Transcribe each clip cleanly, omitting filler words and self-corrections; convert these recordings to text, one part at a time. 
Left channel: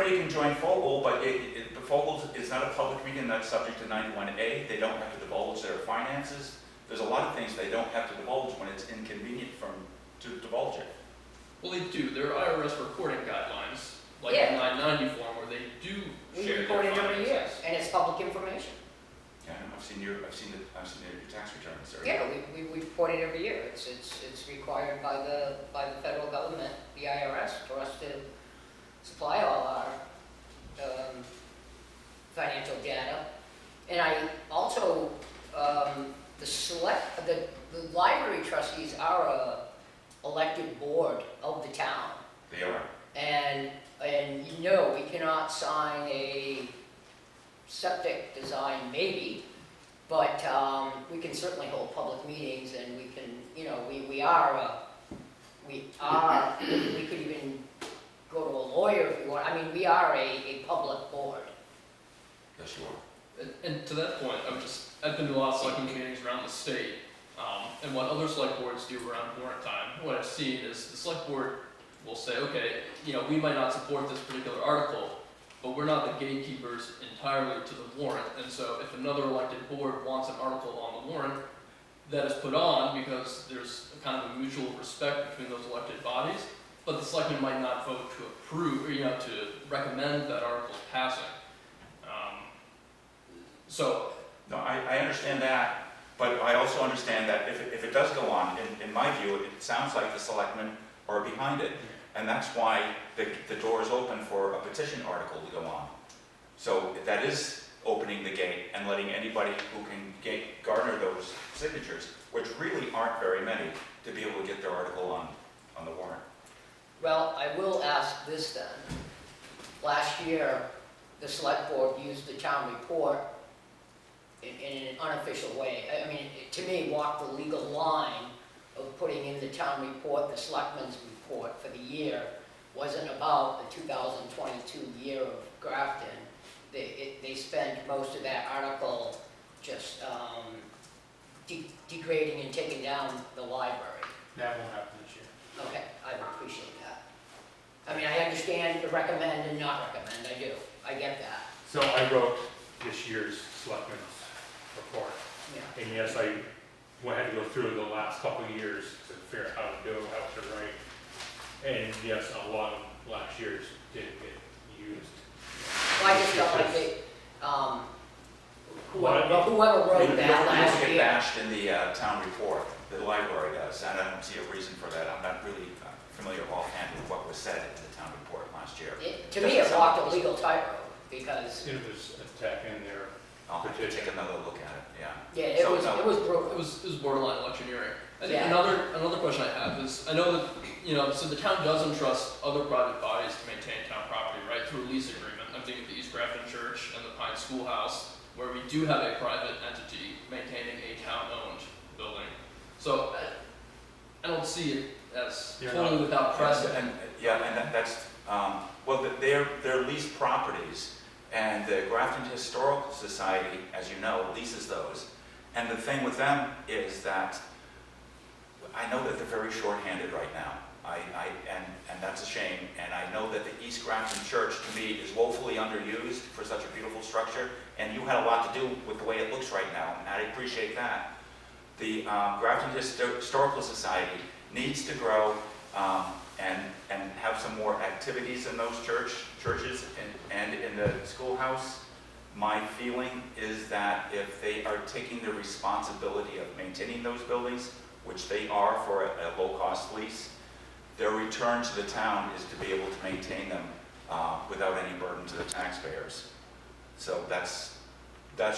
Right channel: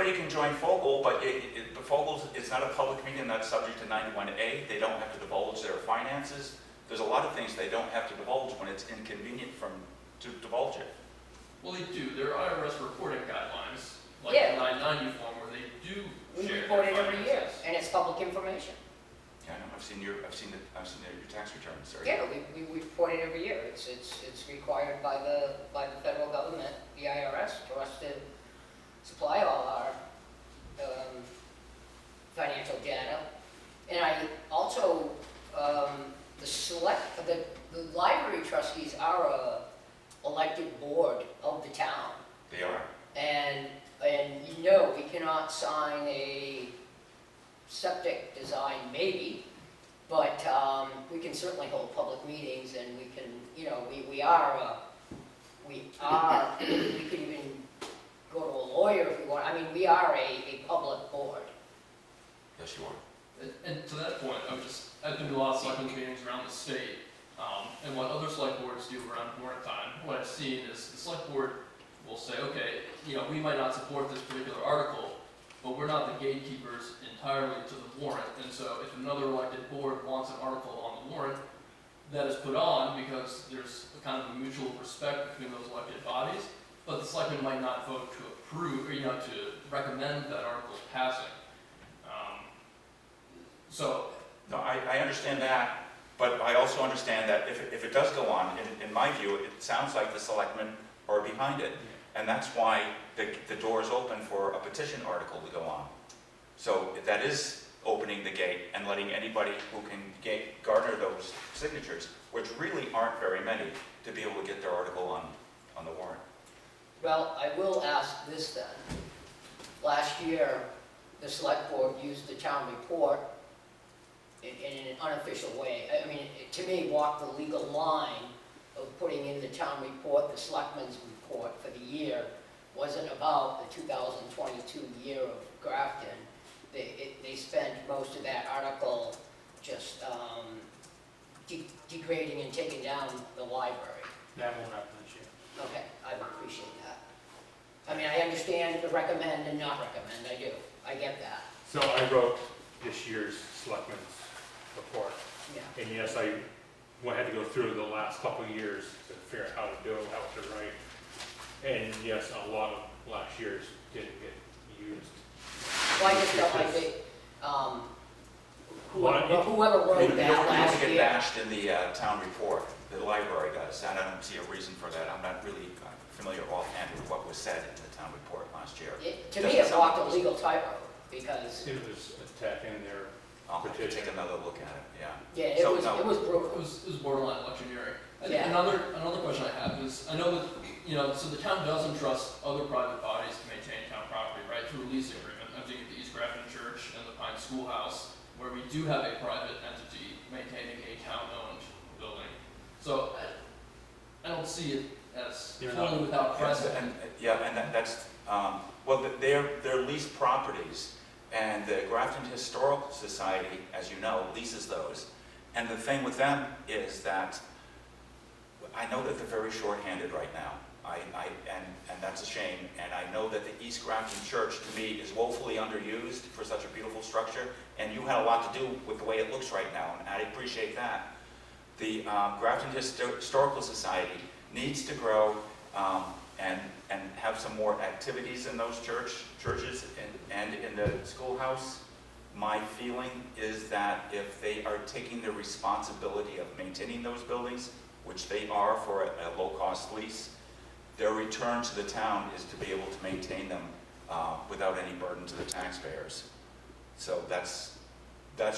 anybody can join Fogel, but the Fogel is not a public meeting that's subject to 91A. They don't have to divulge their finances. There's a lot of things they don't have to divulge when it's inconvenient to divulge it. Well, they do. There are IRS reporting guidelines, like Yeah. the 990 form, where they do We share report their it every year, finances. and it's public information. Yeah, I've seen your tax returns. Sir. Yeah, we report it every year. It's required by the federal government, the IRS, for us to supply all our financial data. And I also, the library trustees are a elected board of the town. They are. And no, we cannot sign a septic design, maybe, but we can certainly hold public meetings, and we can, we could even go to a lawyer if we want. I mean, we are a public board. Yes, you are. And to that point, I've been to a lot of selectmen meetings around the state, and what other select boards do around warrant time, what I've seen is the select board will say, okay, we might not support this particular article, but we're not the gatekeepers entirely to the warrant, and so if another elected board wants an article on the warrant, that is put on because there's a kind of a mutual respect between those elected bodies, but the selectmen might not vote to approve, or to recommend that article's passing. No, I understand that, but I also understand that if it does go on, in my view, it sounds like the selectmen are behind it. And that's why the door is open for a petition article to go on. So that is opening the gate and letting anybody who can garner those signatures, which really aren't very many, to be able to get their article on the warrant. Well, I will ask this then. Last year, the select board used the town report in an unofficial way. I mean, to me, walked the legal line of putting in the town report, the selectmen's report for the year wasn't about the 2022 year of Grafton. They spent most of that article just degrading and taking down the library. That won't happen this year. Okay, I would appreciate that. I mean, I understand the recommend and not recommend, I do. I get that. So I wrote this year's selectmen's report. Yeah. And yes, I had to go through the last couple of years to figure out how to do it, how to write. And yes, a lot of last year's didn't get used. Well, I just felt like whoever wrote that last You don't get year. bashed in the town report. The library does, and I don't see a reason for that. I'm not really familiar offhand with what was said in the town report last year. To me, it walked a legal tightrope because. It was attacking their I'll have to petition. take another look at it, yeah. Yeah, it was brutal. It was borderline electioneering. I think Yeah. another question I have is, I know that, so the town does entrust other private bodies to maintain town property, right, through a lease agreement. I'm thinking of the East Grafton Church and the Pine Schoolhouse, where we do have a private entity maintaining a town-owned building. So I don't see it as totally without precedent. And that's, well, they're leased properties, and the Grafton Historical Society, as you know, leases those. And the thing with them is that I know that they're very short-handed right now. And that's a shame. And I know that the East Grafton Church, to me, is woefully underused for such a beautiful structure. And you had a lot to do with the way it looks right now, and I appreciate that. The Grafton Historical Society needs to grow and have some more activities in those churches and in the schoolhouse. My feeling is that if they are taking the responsibility of maintaining those buildings, which they are for a low-cost lease, their return to the town is to be able to maintain them without any burden to the taxpayers. So that's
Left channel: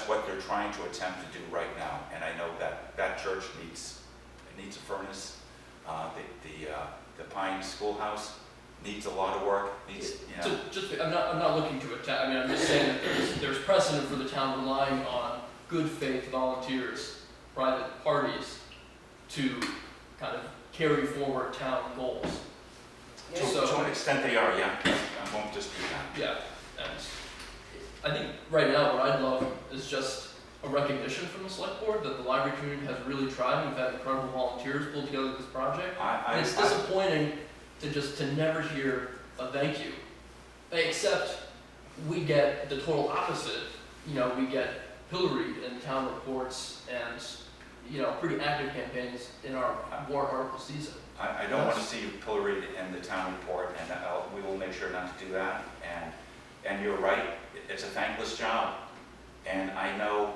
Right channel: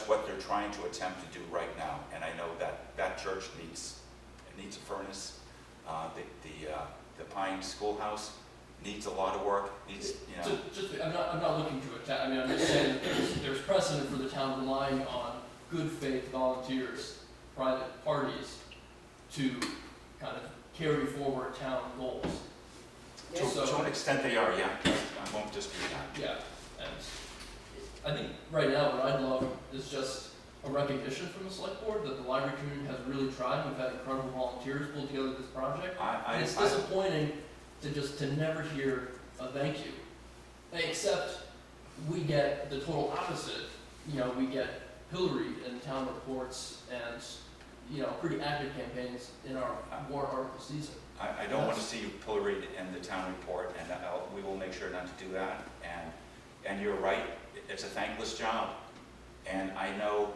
what they're trying to attempt to do right now. And I know that church needs a furnace. The Pine Schoolhouse needs a lot of work. I'm not looking to attack. I mean, I'm just saying that there's precedent for the town relying on good faith volunteers, private parties, to kind of carry forward town goals. Yeah. To an extent they are, yeah. I won't dispute that. Yeah, and I think right now what I'd love is just a recognition from the select board that the library community has really tried. We've had incredible volunteers pull together this project. And it's disappointing to never hear a thank you except we get the total opposite. You know, we get pilloried in town reports and, you know, pretty active campaigns in our warrant article season. I don't want to see you pilloried in the town report, and we will make sure not to do that. And you're right, it's a thankless job. And I know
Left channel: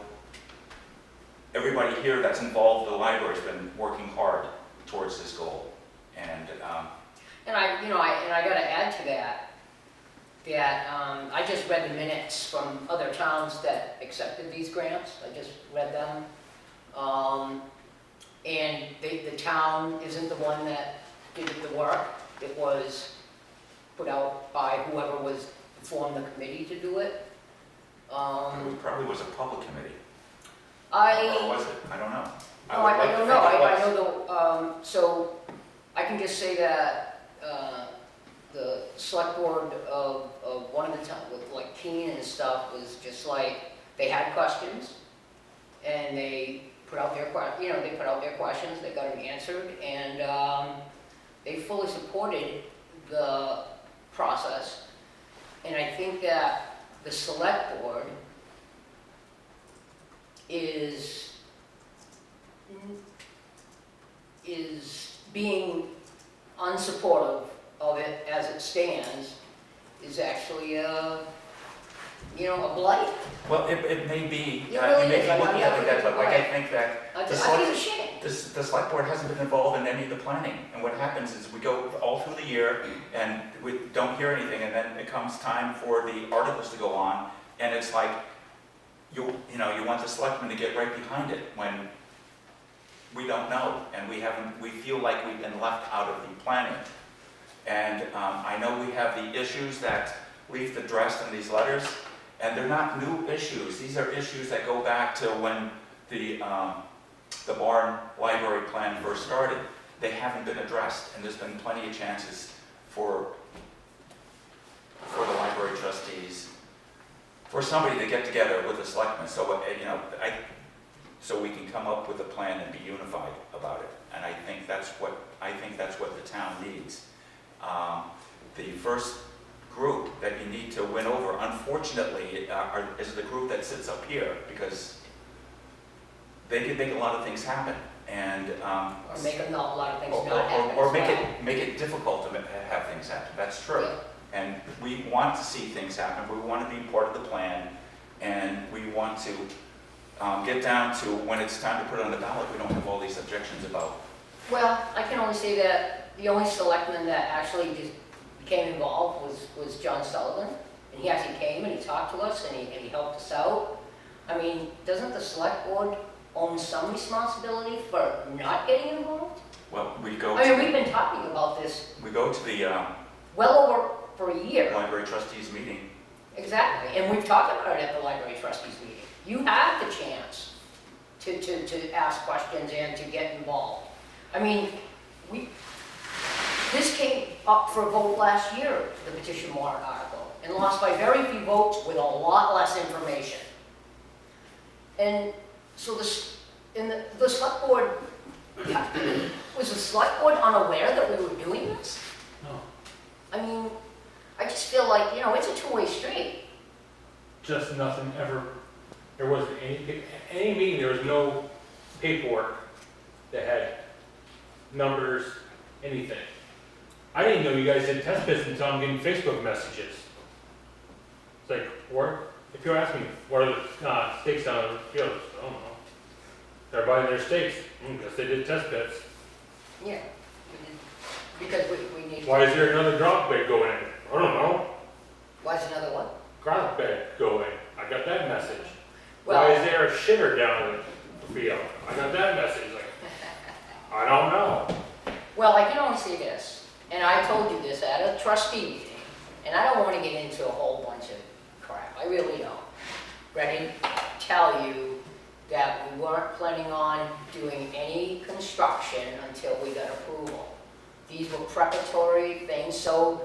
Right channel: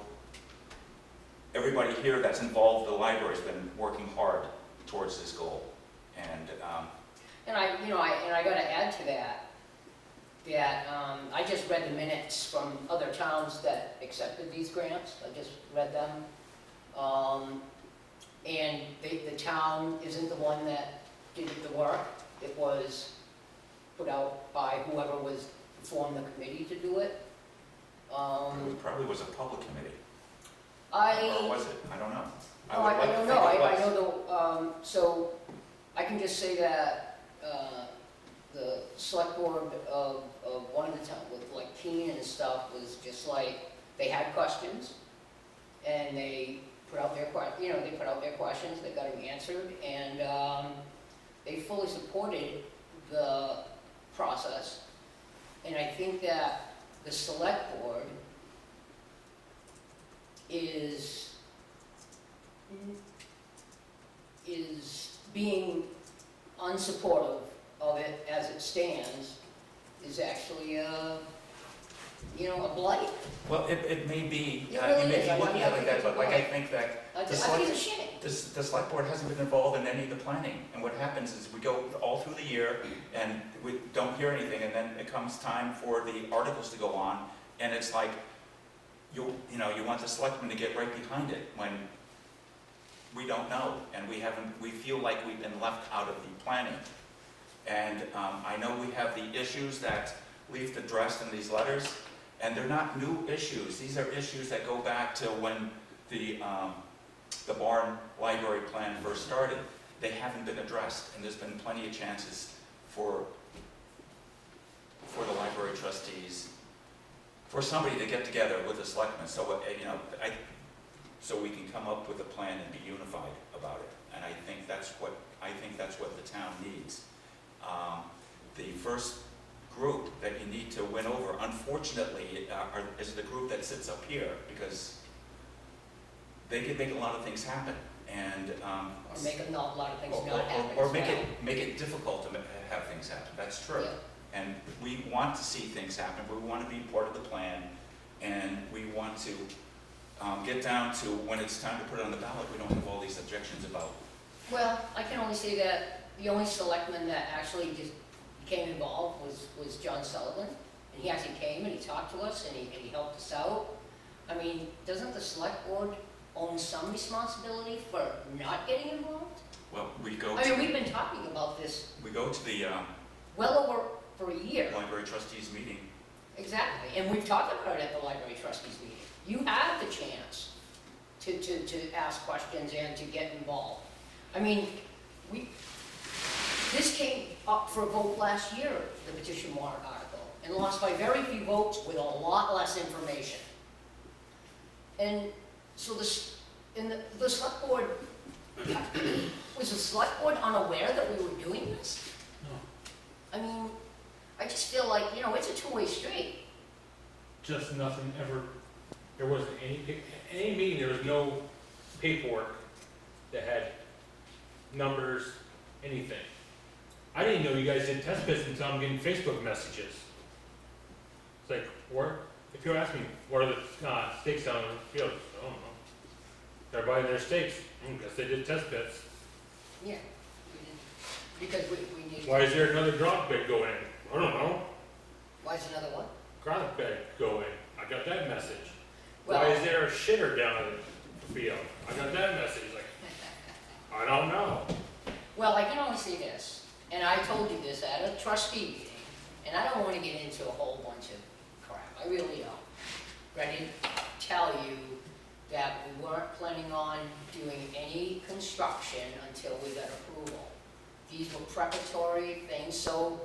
everybody here that's involved in the library's been working hard towards this goal. And I gotta add to that, I just read the minutes from other towns that accepted these grants. I just read them. And the town isn't the one that did the work. It was put out by whoever formed the committee to do it. it probably was a public committee. Or I was it? I don't know. I don't know. I know so I can just say that the select board of one of the towns, with like Keene and stuff, was just like, they had questions, and they put out their questions, they got them answered, and they fully supported the process. And I think that the select board is being unsupportive of it as it stands is actually a blight. Well, it may be, It really you may is. be looking at it like that, but like I Right. think that I the feel ashamed. the select board hasn't been involved in any of the planning. And what happens is we go all through the year and we don't hear anything, and then it comes time for the articles to go on, and it's like, you want the selectmen to get right behind it when we don't know, and we feel like we've been left out of the planning. And I know we have the issues that Leaf addressed in these letters, and they're not new issues. These are issues that go back to when the barn library plan first started. They haven't been addressed, and there's been plenty of chances for the library trustees, for somebody to get together with the selectmen, so so we can come up with a plan and be unified about it. And I think that's what the town needs. The first group that you need to win over, unfortunately, is the group that sits up here, because they can make a lot of things happen, and Or make a lot of things or- not happen or as well. make it difficult to have things happen. That's true. Yeah. And we want to see things happen. We want to be part of the plan, and we want to get down to when it's time to put it on the ballot. We don't have all these objections about. Well, I can only say that the only selectman that actually just became involved was John Sullivan. And he actually came and he talked to us and he helped us out. I mean, doesn't the select board own some responsibility for not getting involved? Well, we go I mean, to we've been talking about this the well over for a year. library trustees meeting. Exactly, and we've talked about it at the library trustees meeting. You have the chance to ask questions and to get involved. I mean, this came up for a vote last year, the petition warrant article, and lost by very few votes with a lot less information. And so the select board, was the select board unaware that we were doing this? No. I mean, I just feel like, it's a two-way street. Just nothing ever, there wasn't any meeting, there was no paperwork that had numbers, anything. I didn't know you guys did test pits until I'm getting Facebook messages. It's like, if you ask me, what are the stakes on the field? I don't know. They're buying their stakes, guess they did test pits. Yeah, because we need. Why is there another drop bed going in? I don't know. Why is another what? Drop bed going. I got that message. Well- Why is there a shitter down in the field? I got that message. Like, I don't know. Well, I can only say this, and I told you this at a trustee meeting, and I don't want to get into a whole bunch of crap, I really don't. Ready to tell you that we weren't planning on doing any construction until we got approval. These were preparatory things, so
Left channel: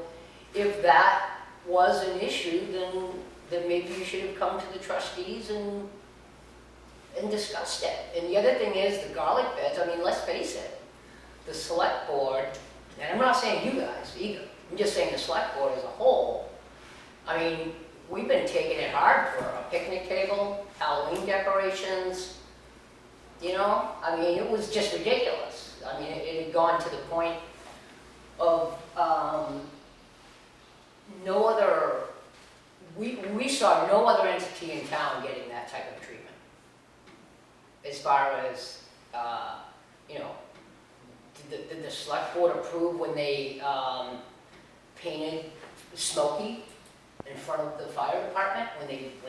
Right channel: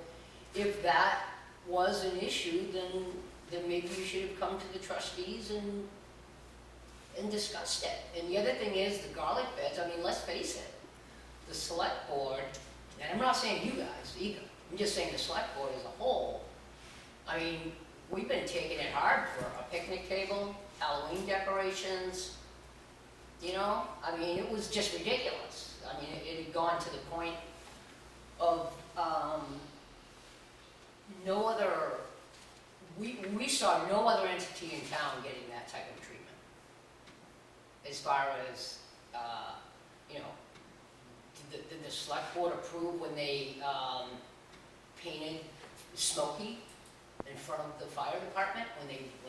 if that was an issue, then maybe you should have come to the trustees and discussed it. And the other thing is the garlic beds, I mean, let's face it, the select board, and I'm not saying you guys either, I'm just saying the select board as a whole, mean, we've been taking it hard for a picnic table, Halloween decorations, you know? I mean, it was just ridiculous. I mean, it had gone to the point of, no other, we saw no other entity in town getting that type of treatment. As far as, you know, did the select board approve when they, painted Smokey in front of the fire department, when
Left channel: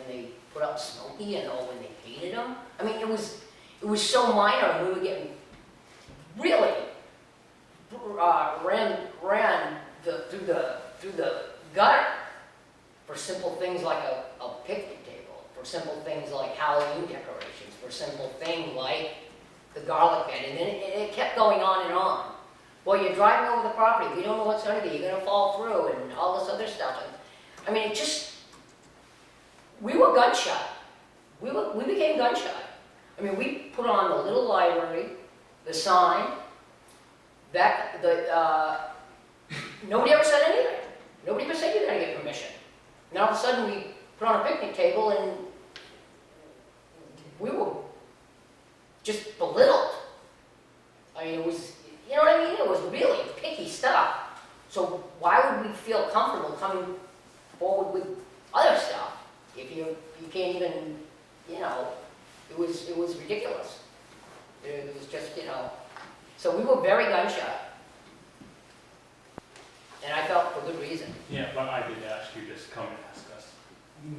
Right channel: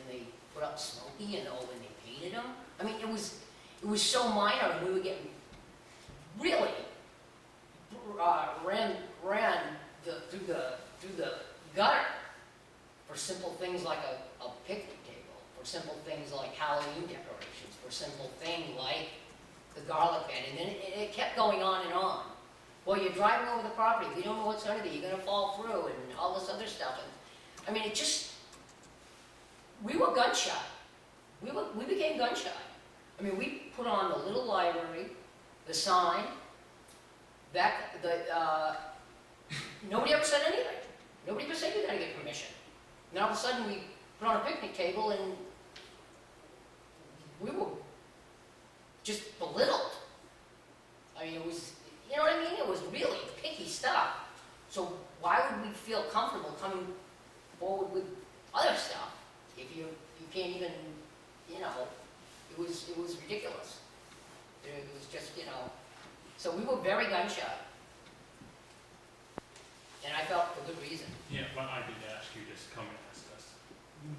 they put up Smokey and when they painted him? I mean, it was so minor, and we were getting really ran through the gutter for simple things like a picnic table, for simple things like Halloween decorations, for simple thing like the garlic bed, and then it kept going on and on. Well, you're driving over the property, if you don't know what's under there, you're gonna fall through, and all this other stuff. And I mean, we were gun shy. We became gun shy. I mean, we put on the little library, the sign, nobody ever said anything. Nobody ever said you gotta get permission. And all of a sudden, we put on a picnic table, and we were just belittled. I mean, it was, you know what I mean? It was really picky stuff. So why would we feel comfortable coming forward with other stuff if you can't even, you know, it was ridiculous. It was just, you know, so we were very gun shy. And I felt for good reason. Yeah, but I did ask you, just come and ask us.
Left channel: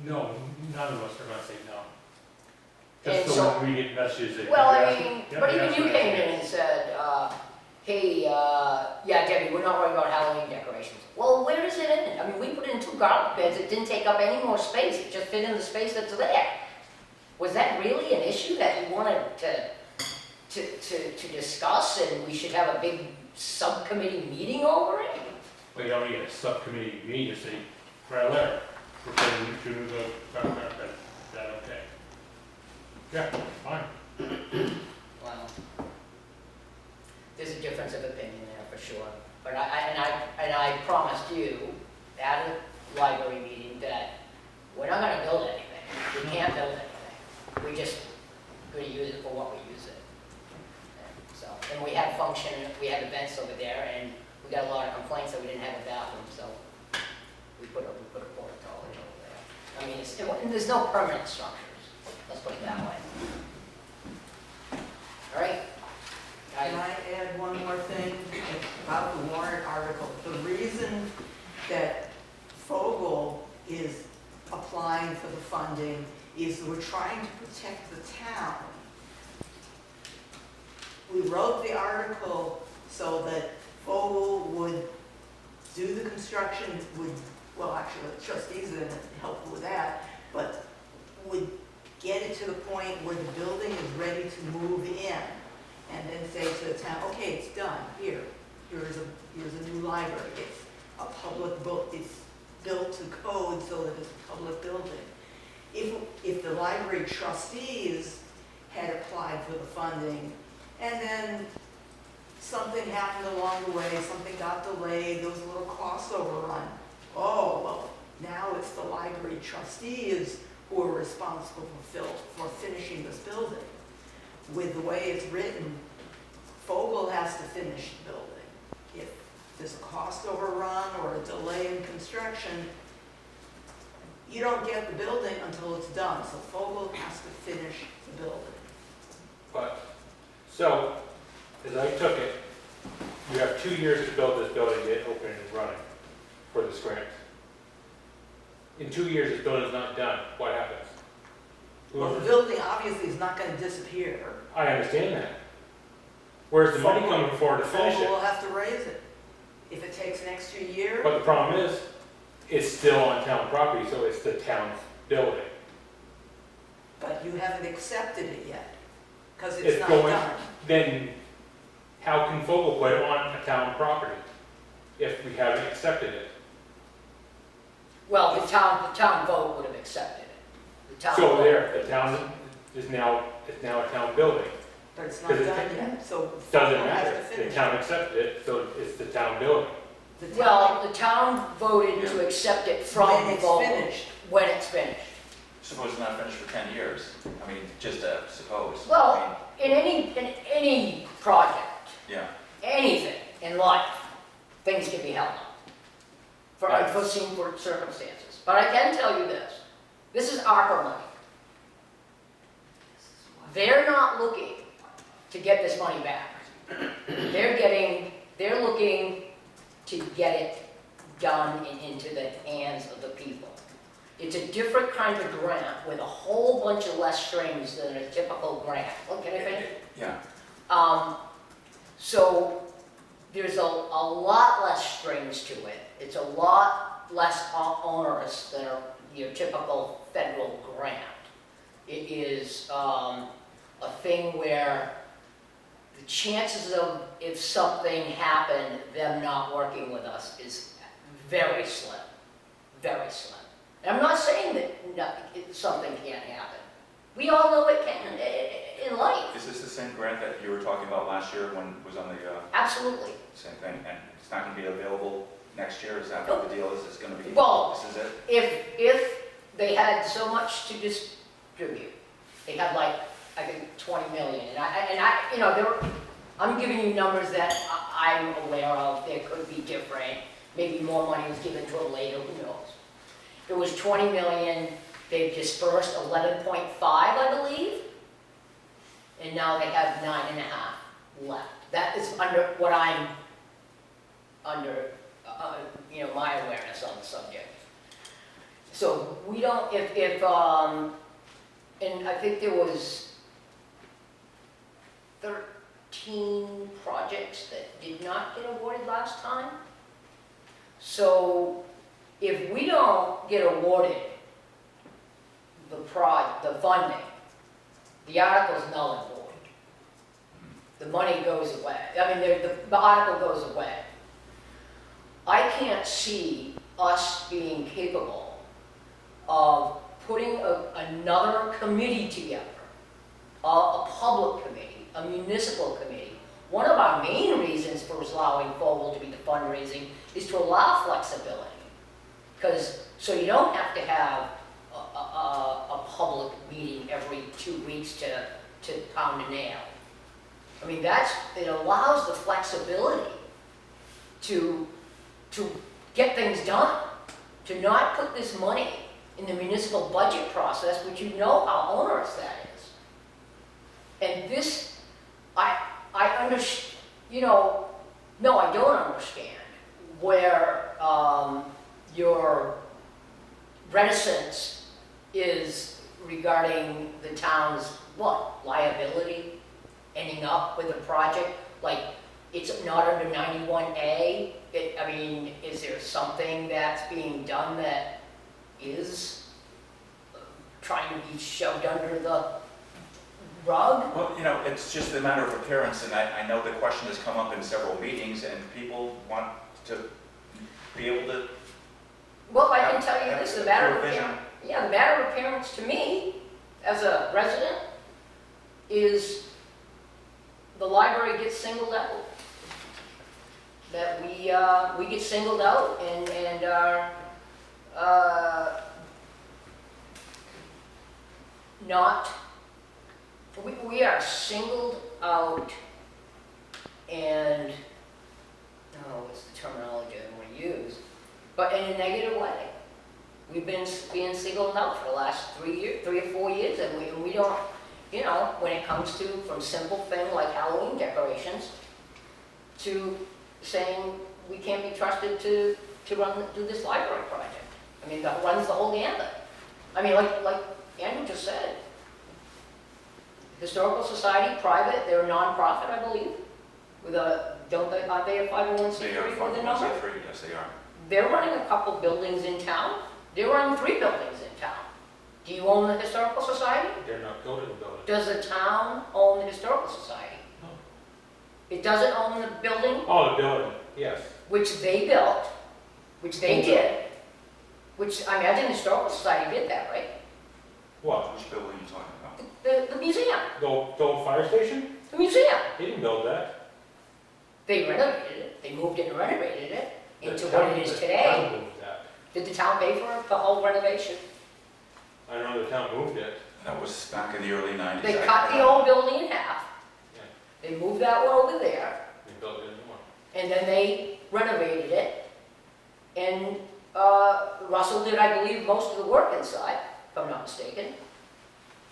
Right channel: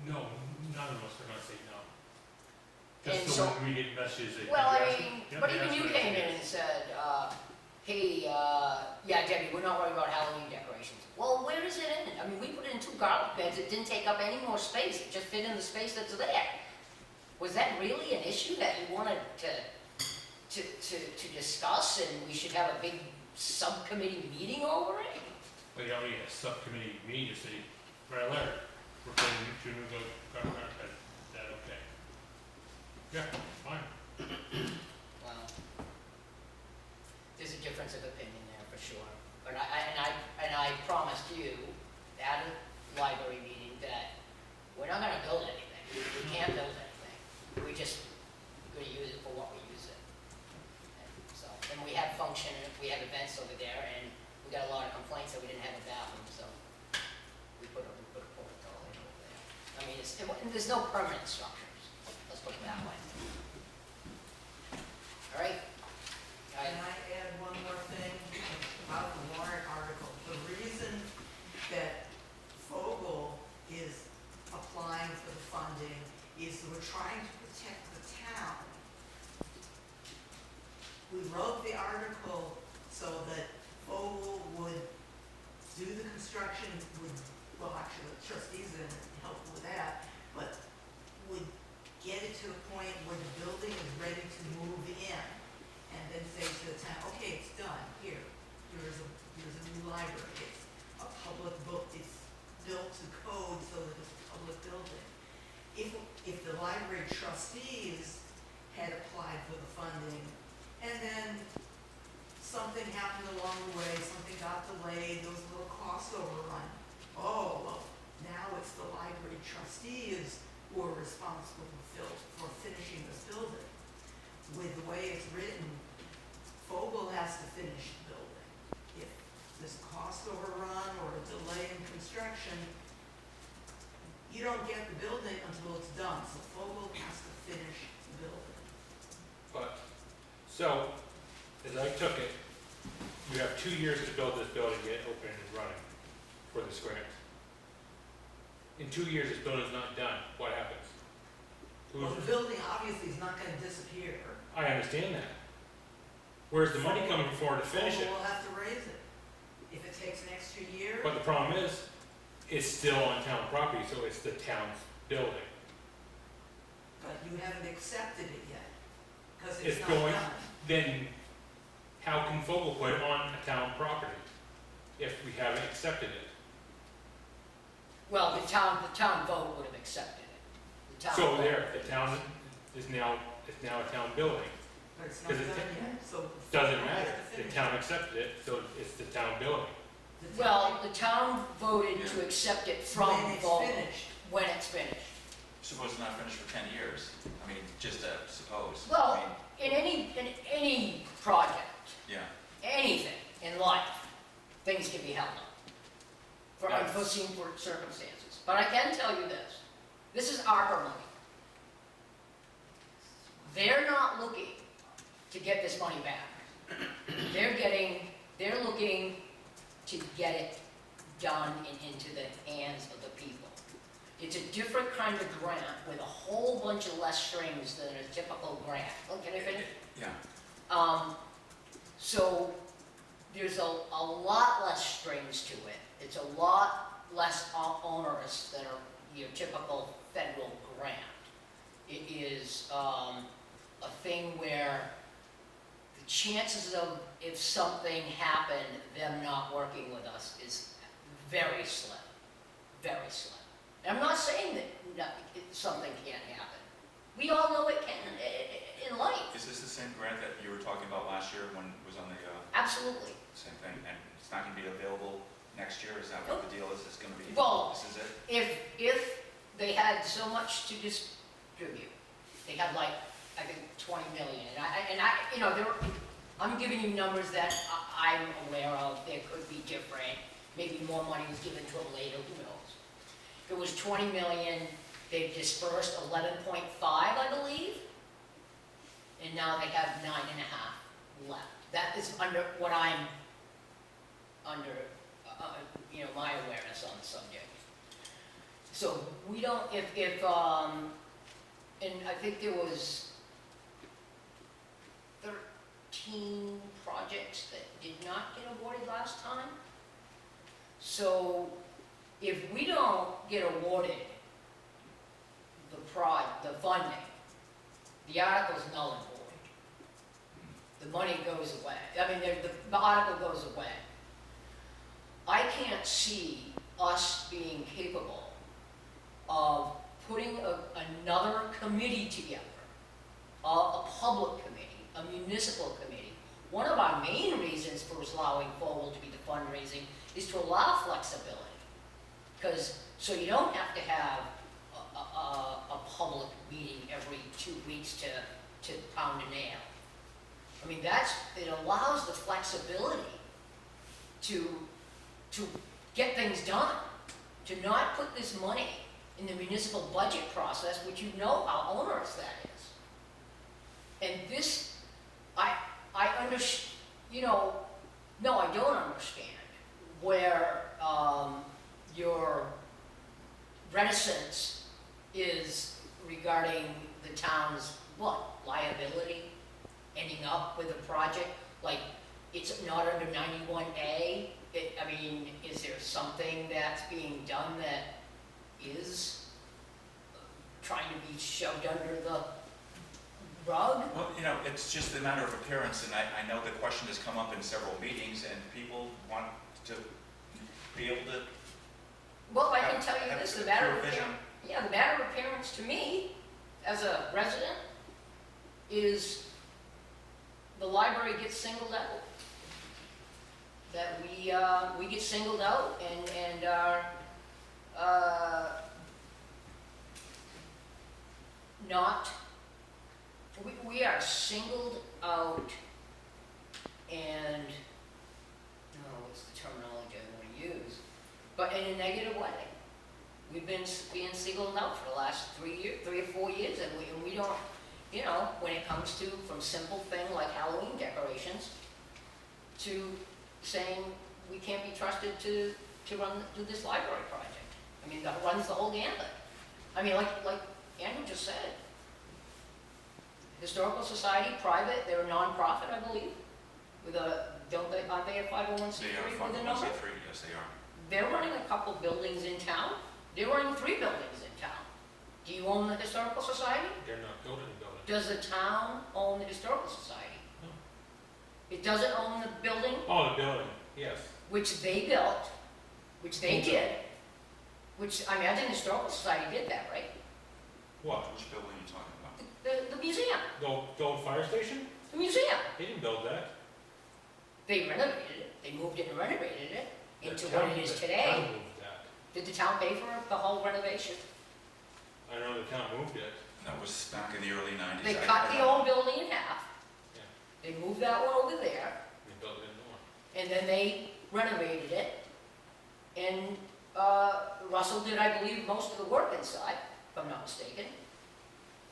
No, none of us are gonna say no. And Just so when we get messages that. Well, you're I asking- mean, yeah, but you're even you asking us came in yes. and said, hey, yeah, Debbie, we're not worried about Halloween decorations. Well, where does it end? I mean, we put in 2 garlic beds, it didn't take up any more space, it just fit in the space that's there. Was that really an issue that you wanted to discuss, and we should have a big subcommittee meeting over it? Well, you already get a subcommittee meeting, you say, write a letter, we're putting 2 garlic beds, is that okay? Yeah, fine. Well, there's a difference of opinion there for sure. But I promised you at a library meeting that we're not gonna build anything. We can't build anything. We just gonna use it for what we use it. And so, and we had function, we had events over there, and we got a lot of complaints that we didn't have a bathroom, so we put a porta toilet over there. I mean, there's no permanent structures, let's put it that way. All right? Can I add one more thing about the warrant article? The reason that Fogel is applying for the funding is we're trying to protect the town. We wrote the article so that Fogel would do the construction, well, actually, the trustees are helpful with that, but would get it to the point where the building is ready to move in, and then say to the town, okay, it's done, here's a new library, it's a public book, it's built to code so that it's a public building. If the library trustees had applied for the funding, and then something happened along the way, something got delayed, there was a little cost overrun, oh, well, now it's the library trustees who are responsible for finishing this building. With the way it's written, Fogel has to finish the building. If there's a cost overrun or a delay in construction, you don't get the building until it's done. So Fogel has to finish the building. But, so, as I took it, you have 2 years to build this building, get it open and running for this grant. In 2 years, this building's not done, what happens? Well, the building obviously is not gonna disappear. I understand that. Where's the money coming for to finish Fogel it? will have to raise it. If it takes an extra year, But the problem is, it's still on town property, so it's the town's building. but you haven't accepted it yet, because It's it's not going- done. Then, how can Fogel put it on a town property if we haven't accepted it? Well, the town vote would have accepted it. The town So vote- there, the town is now, it's now a town building. But it's not 'Cause done it yet, so. Doesn't Fogel has matter, to the finish town it. accepted it, so it's the town building. The town- Well, the town voted to Yeah. accept it from When it's Vogel finished. when it's finished. Suppose it's not finished for 10 years. I mean, just suppose. Well- I mean, In any project, yeah. anything in life, things can be held up for Right. unforeseen circumstances. But I can tell you this is ARPA money. They're not looking to get this money back. They're looking to get it done and into the hands of the people. It's a different kind of grant with a whole bunch of less strings than a typical grant. Oh, can I finish? Yeah. So there's a lot less strings to it. It's a lot less onerous than your typical federal grant. It is a thing where the chances of, if something happened, them not working with us is very slim, very slim. And I'm not saying that something can't happen. We all know it can in life, Is this the same grant that you were talking about last year when it was on the absolutely. same thing? And it's not going to be available next year? Is that what the deal is? It's going to be, Well- this is it? If they had so much to distribute, they had like, I think, 20 million, and I, you know, I'm giving you numbers that I'm aware of, there could be different, maybe more money was given to it later, who knows? It was 20 million, they've dispersed 11.5, I believe, and now they have 9.5 left. That is under what I'm, you know, my awareness on the subject. So we don't, and I think there was 13 projects that did not get awarded last time. So if we don't get awarded the funding, the article's null and void. The money goes away. I mean, the article goes away. I can't see us being capable of putting another committee together, a public committee, a municipal committee. One of our main reasons for allowing Vogel to be the fundraising is to allow flexibility. Because, so you don't have to have a public meeting every 2 weeks to pound a nail. I mean, it allows the flexibility to get things done, to not put this money in the municipal budget process, which you know how onerous that is. And this, I understand, you know, no, I don't understand where your reticence is regarding the town's, liability, ending up with a project, like, it's not under 91A. I mean, is there something that's being done that is trying to be shoved under the rug? Well, you know, it's just a matter of appearance, and I know the question has come up in several meetings, and people want to be able to. Well, I can tell you have this, the a matter of clear vision. appearance, yeah, the matter of appearance to me, as a resident, is the library gets singled out. That we get singled out and are, not, we are singled out and, oh, what's the terminology I want to use? But in a negative way. We've been being singled out for the last 3 or 4 years, and we don't, you know, when it comes to, from simple thing like Halloween decorations, to saying we can't be trusted to do this library project. I mean, that runs the whole gambit. I mean, like Andrew just said, Historical Society, private, they're a non-profit, I believe, with aren't they a 501c3 They are with a number? 501c3, yes they are. They're running a couple buildings in town. They're running 3 buildings in town. Do you own the Historical Society? They're not building a building. Does the town own the Historical Society? No. It doesn't own the building, Oh, the building, yes. which they built, which they Who did, which, I imagine the Historical Society did that, right? What? Which building are you talking about? The museum, The old fire station? the museum. They didn't build that. They renovated it, they moved it and renovated it. into The what town- it is the today. town moved that. Did the town pay for the whole renovation? I know the town moved it. That was back in the early 90s. They I- cut I the don't- old building in half. Yeah. They moved that one over there, They built it a new one. and then they renovated it. And Russell did, I believe, most of the work inside, if I'm not mistaken.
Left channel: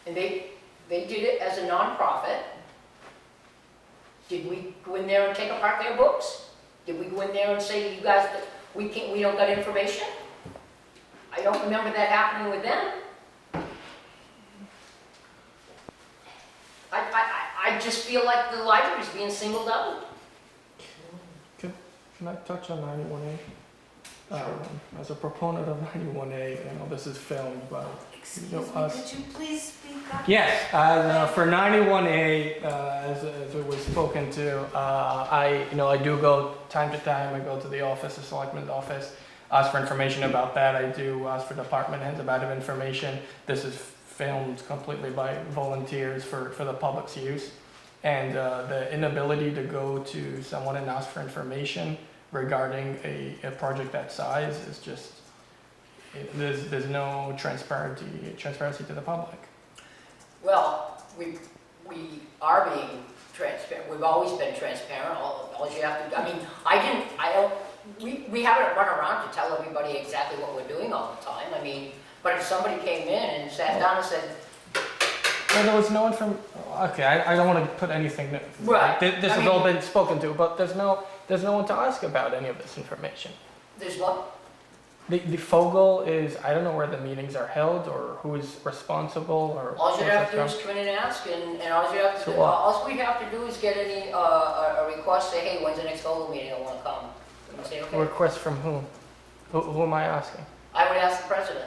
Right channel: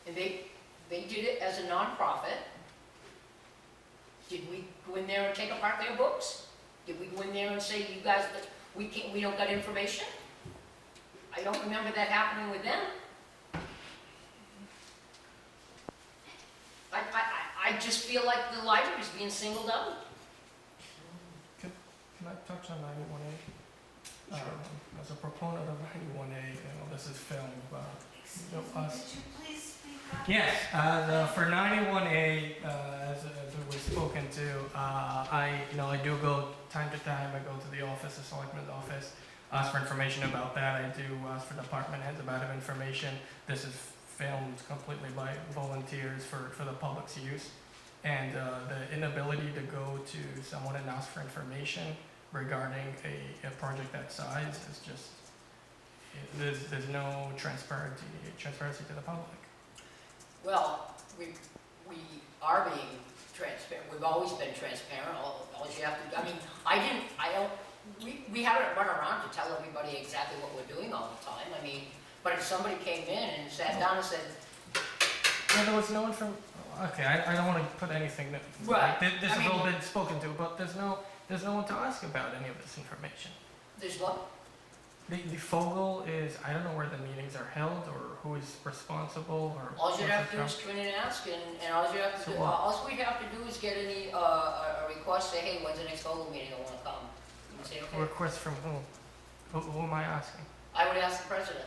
And they did it as a nonprofit. Did we go in there and take apart their books? Did we go in there and say to you guys that we don't got information? I don't remember that happening with them. I just feel like the library's being singled out. Can I touch on 91A? As a proponent of 91A, this is filmed, but Excuse me, could you please speak up? yes, for 91A, as it was spoken to, I do go time to time. I go to the office, the Selectmen's office, ask for information about that. I do ask for department heads about information. This is filmed completely by volunteers for the public's use, and the inability to go to someone and ask for information regarding a project that size is just there's no transparency to the public. Well, we are being transparent, we've always been transparent, all you have to, I mean, we haven't run around to tell everybody exactly what we're doing all the time, I mean, but if somebody came in and sat down and said, Well, there was no okay, I don't want to put anything. Right, This I has mean- all been spoken to, but there's no one to ask about any of this information. there's what? The Fogel is, I don't know where the meetings are held or who is responsible or. All you have to do is come in and ask, and all you have to So do, what? all we have to do is get a request, say, hey, when's the next Fogel meeting, I wanna come. And say, okay, Request from whom? Who am I asking? I would ask the president,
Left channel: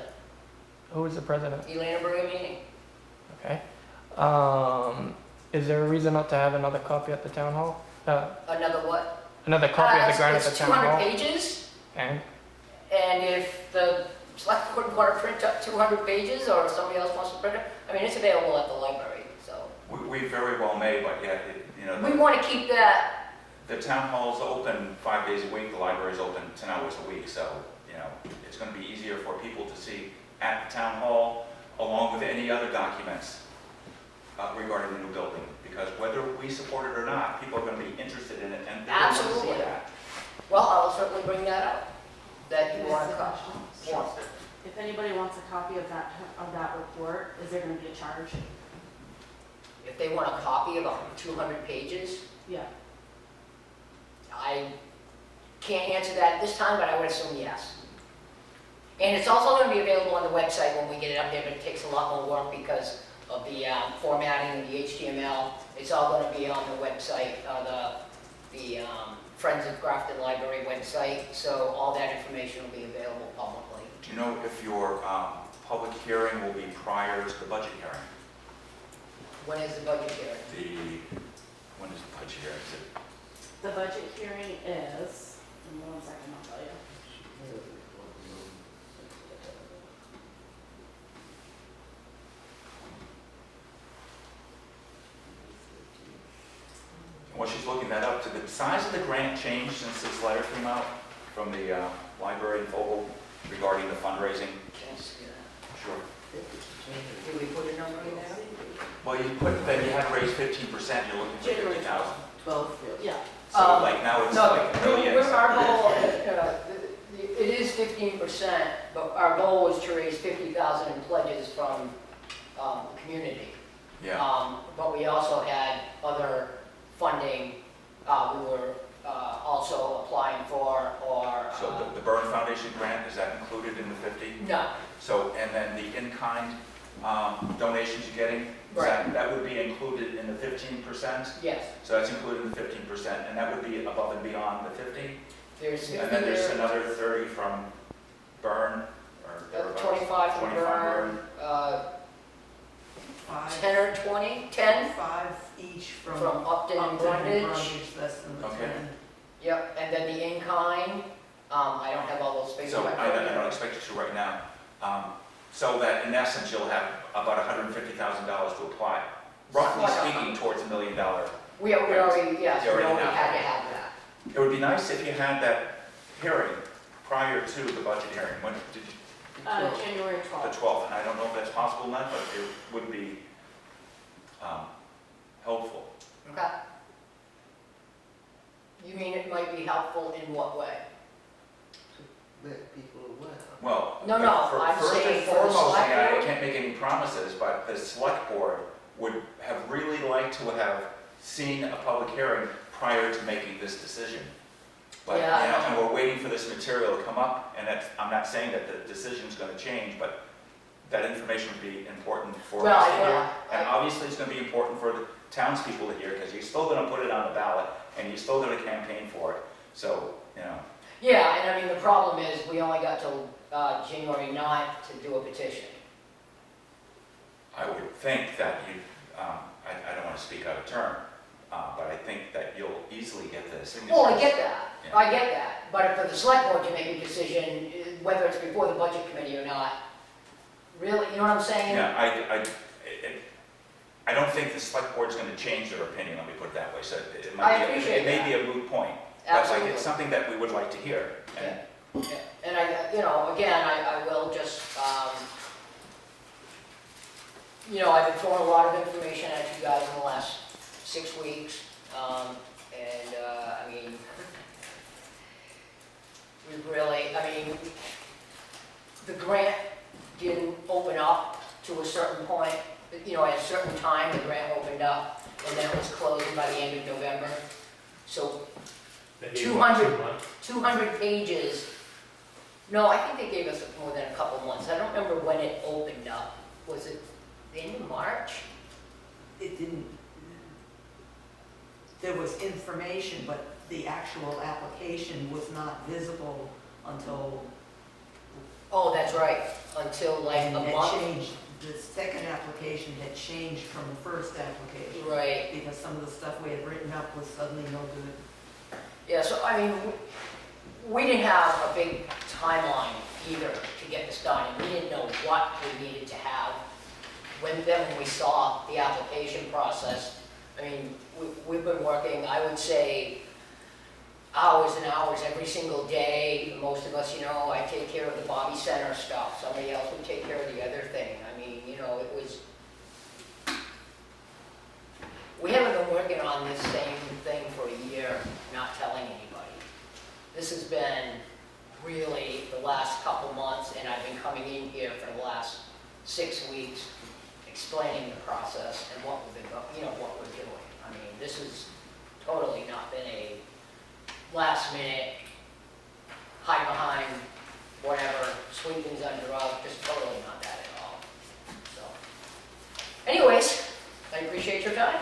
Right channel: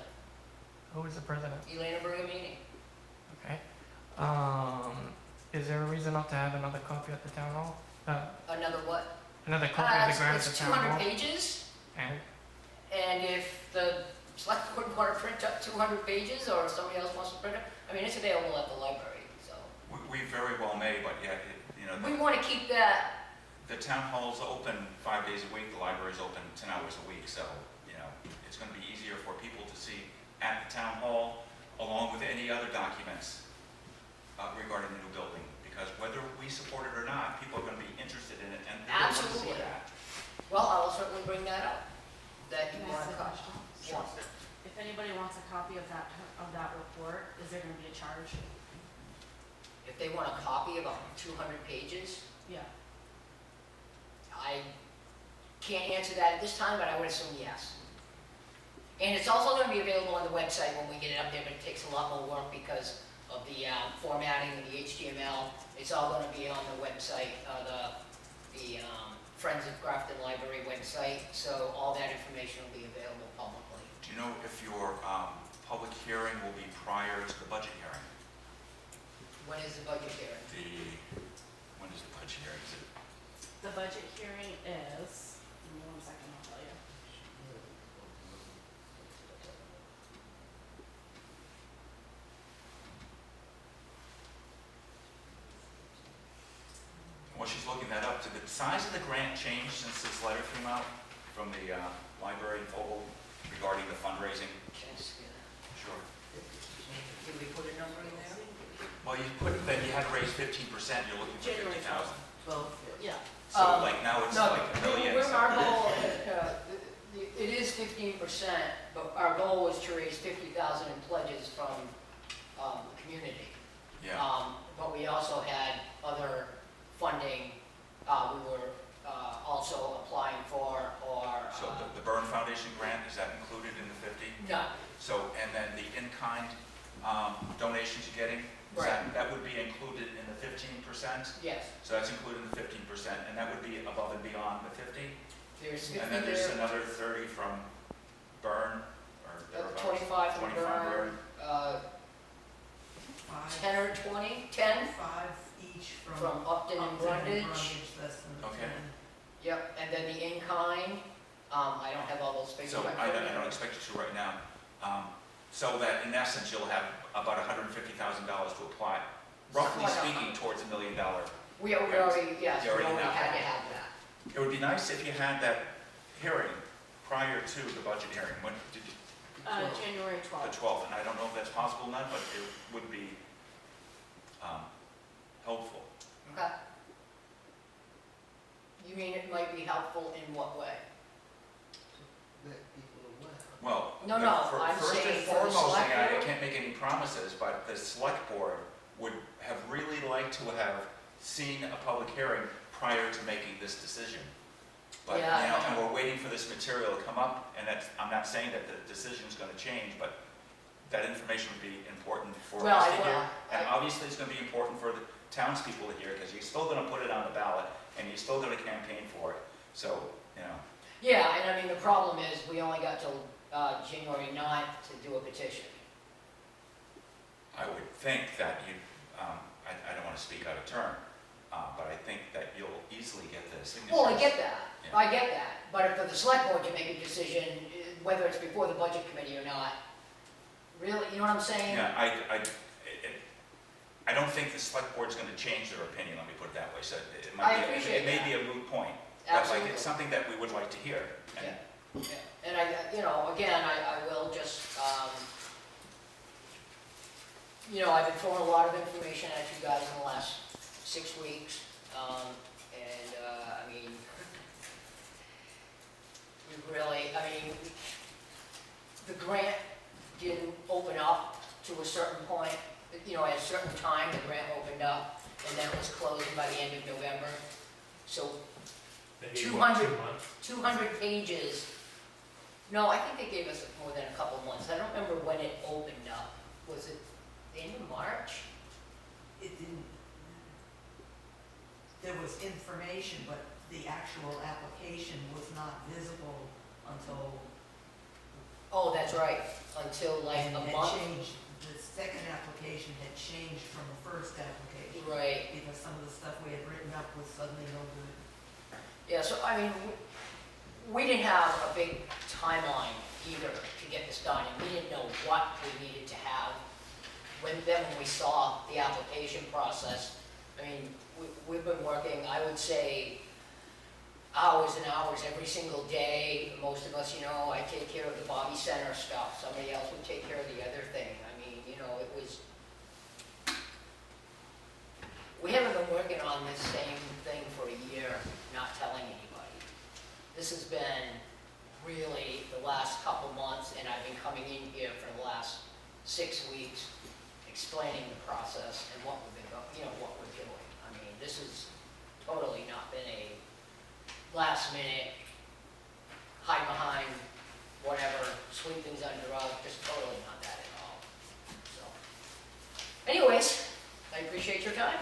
Who is the president? Elena Bergamini. Okay. Is there a reason not to have another copy at the town hall? Another what? Another copy of the grant at It's the town 200 hall? pages. And And if the select board want to print up 200 pages, or if somebody else wants to print it, I mean, it's available at the library, so. We very well may, but yet, We want to keep that, the town hall's open 5 days a week, the library's open 10 hours a week, so, it's gonna be easier for people to see at the town hall, along with any other documents regarding the new building, because whether we support it or not, people are gonna be interested in it, and they want to see Absolutely. that. well, I'll certainly bring that up, that you Can I want ask to a cut. question? If anybody wants a copy of that report, is there gonna be a charge? If they want a copy of 200 pages, Yeah. I can't answer that at this time, but I would assume yes. And it's also going to be available on the website when we get it up there, but it takes a lot more work because of the formatting and the HTML. It's all going to be on the website, the Friends of Grafton Library website, so all that information will be available publicly. Do you know if your public hearing will be prior to the budget hearing? When is the budget hearing? When is the budget hearing? Is it The budget hearing is, give me 1 second, I'll tell you. Well, she's looking that up. Did the size of the grant change since this letter came out from the library in Fogel regarding the fundraising? Can I see that? Sure. Did we put a number in there? Well, then you had to raise 15%, you're looking for January 50,000. 12. Yeah, So like now it's No, like a million. we're- our goal, it is 15%, but our goal was to raise 50,000 in pledges from the community. Yeah, But we also had other funding, we were also applying for, or, so the Byrne Foundation grant, is that included in the 50? no, So, and then the in-kind donations you're getting, that would be included in the 15%? yes, So that's included in the 15%, and that would be above and beyond the 50? there's 50 And then there's there, another 30 from Byrne, or thereabouts? 25 from 25 Byrne, 5, 10 or 20, 10 5 each from from Upton and Brundage. Less than the Okay. 10. Yep, and then the in-kind, I don't have all those figures. So in my I phone. don't expect you to right now. So that in essence, you'll have about $150,000 to apply, roughly Somewhat. speaking, towards $1 million. We already, yes, we You already already have had that. to have that. It would be nice if you had that, hearing prior to the budget hearing. When did you? January The 12th. 12th, and I don't know if that's possible or not, but it would be helpful. Okay. You mean it might be helpful in what way? Let people aware. Well, No, no, I'm first and saying for the foremost, select I board. can't make any promises, but the select board would have really liked to have seen a public hearing prior to making this decision. But, Yeah, I know. and we're waiting for this material to come up, and I'm not saying that the decision's gonna change, but that information would be important for Well, us I to will- hear. And obviously, it's gonna be important for the townspeople to hear, because you're still gonna put it on the ballot, and you're still gonna campaign for it. So, Yeah, and I mean, the problem is, we only got till January 9th to do a petition. I would think that you, I don't wanna speak out of turn, but I think that you'll easily get the signatures. Well, I get that, Yeah. I get that, but for the select board to make a decision, whether it's before the budget committee or not, really, you know what I'm saying? Yeah, I don't think the select board's gonna change their opinion, let me put it that way, so it I might be, appreciate it may that. be a moot point. But like, Absolutely. it's something that we would like to hear. And Yeah, and again, I will just, I've been throwing a lot of information at you guys in the last 6 weeks, I mean, the grant didn't open up to a certain point, at a certain time, the grant opened up, and then it was closed by the end of November. So They gave you, what, 200 2 months? 200 pages. No, I think they gave us more than a couple months. I don't remember when it opened up. Was it the end of March? It didn't, there was information, but the actual application was not visible until, Oh, that's right, until like and a it month. changed, the second application had changed from the first application. Right, Because some of the stuff we had written up was suddenly no good. yeah, so I mean, we didn't have a big timeline either to get this done, and we didn't know what we needed to have. When we saw the application process, I mean, we've been working, I would say, hours and hours every single day. Most of us, I take care of the Bobby Center stuff, somebody else would take care of the other thing. I mean, it was, we haven't been working on this same thing for a year, not telling anybody. This has been really the last couple months, and I've been coming in here for the last 6 weeks, explaining the process and what we've been, what we're doing. I mean, this has totally not been a last minute, hide behind, whatever, sweep things under the rug, just totally not that at all. So, anyways, I appreciate your time.